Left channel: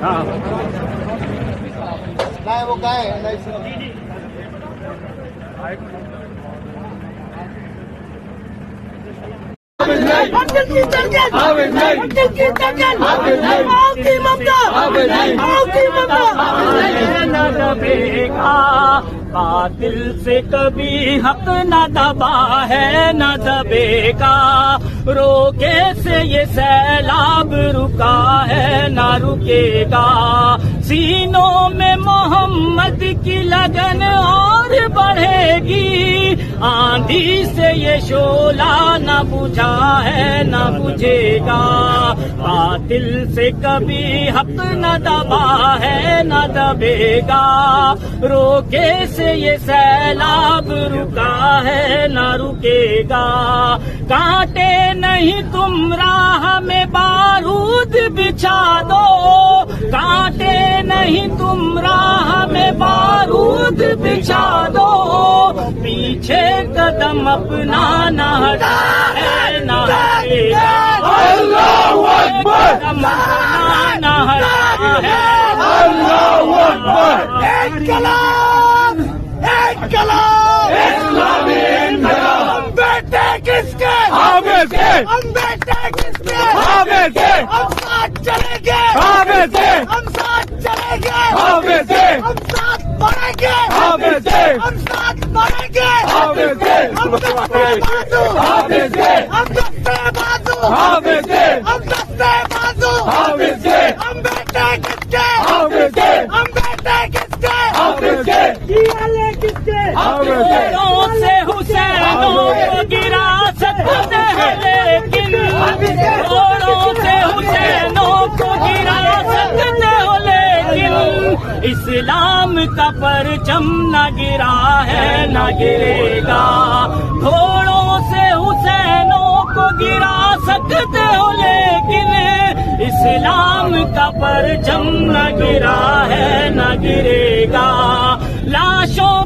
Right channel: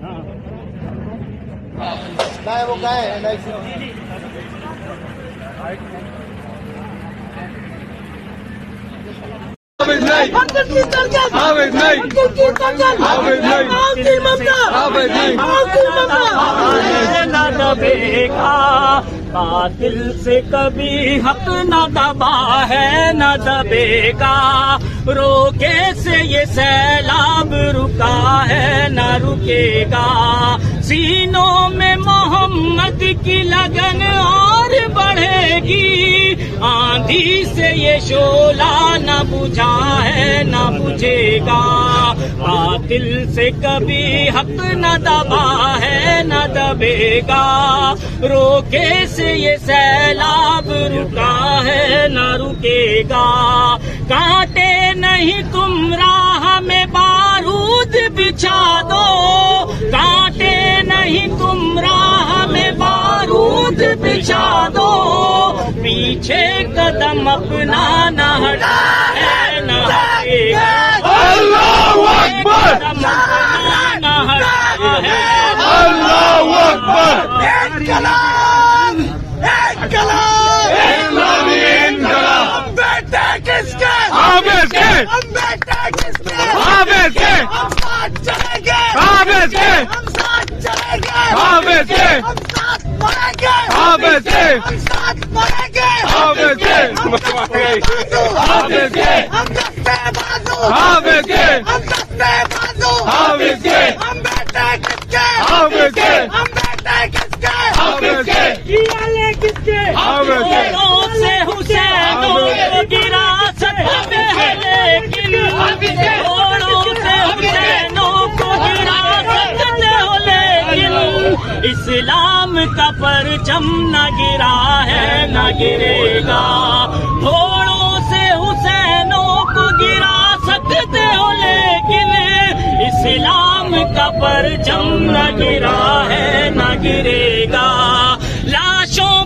وہ کیا ہے نہ دبے گا باطل سے کبھی حق نہ دبا ہے نہ دبے گا روکے سے یہ سیلاب رکا ہے نہ رکے گا سینوں میں محمد کی لگن اور بڑھے گی آندھی سے یہ شعلہ نہ بجھا ہے نہ بجھے گا باطل سے کبھی حق نہ دبا ہے نہ دبے گا روکے سے یہ سیلاب رکا ہے نہ رکے گا کانٹے نہیں تم راہ میں بارود بچھا دو کانٹے نہیں تم راہ میں بارود بچھا دو پیچھے قدم اپنا نہ ہٹا ہے نہ ہٹے گا اللہ اکبر نہ ہٹا ہے اللہ اکبر کلام انقلاب بیٹے کس کے حافظ کے ہم بیٹے کس کے حافظ کے ہم ساتھ چلیں گے حافظ کے ہم ساتھ چلیں گے حافظ کے ہم ساتھ بڑھیں گے حافظ کے ہم ساتھ بڑھیں گے حافظ کے ہم دستے بازو حافظ کے ہم دستے بازو حافظ کے ہم دستے بازو حافظ کے ہم بیٹے کس کے حافظ کے ہم بیٹے کس کے حافظ کے کس کے حافظ کے سے حسین گرا سکتے ہیں لیکن گھوڑوں سے حسینوں کو گرا سکتے ہو لیکن اسلام کا پرچم نہ گرا ہے نہ گرے گا گھوڑوں سے حسینوں کو گرا سکتے ہو لیکن اسلام کا پرچم نہ گرا ہے نہ گرے گا لاشوں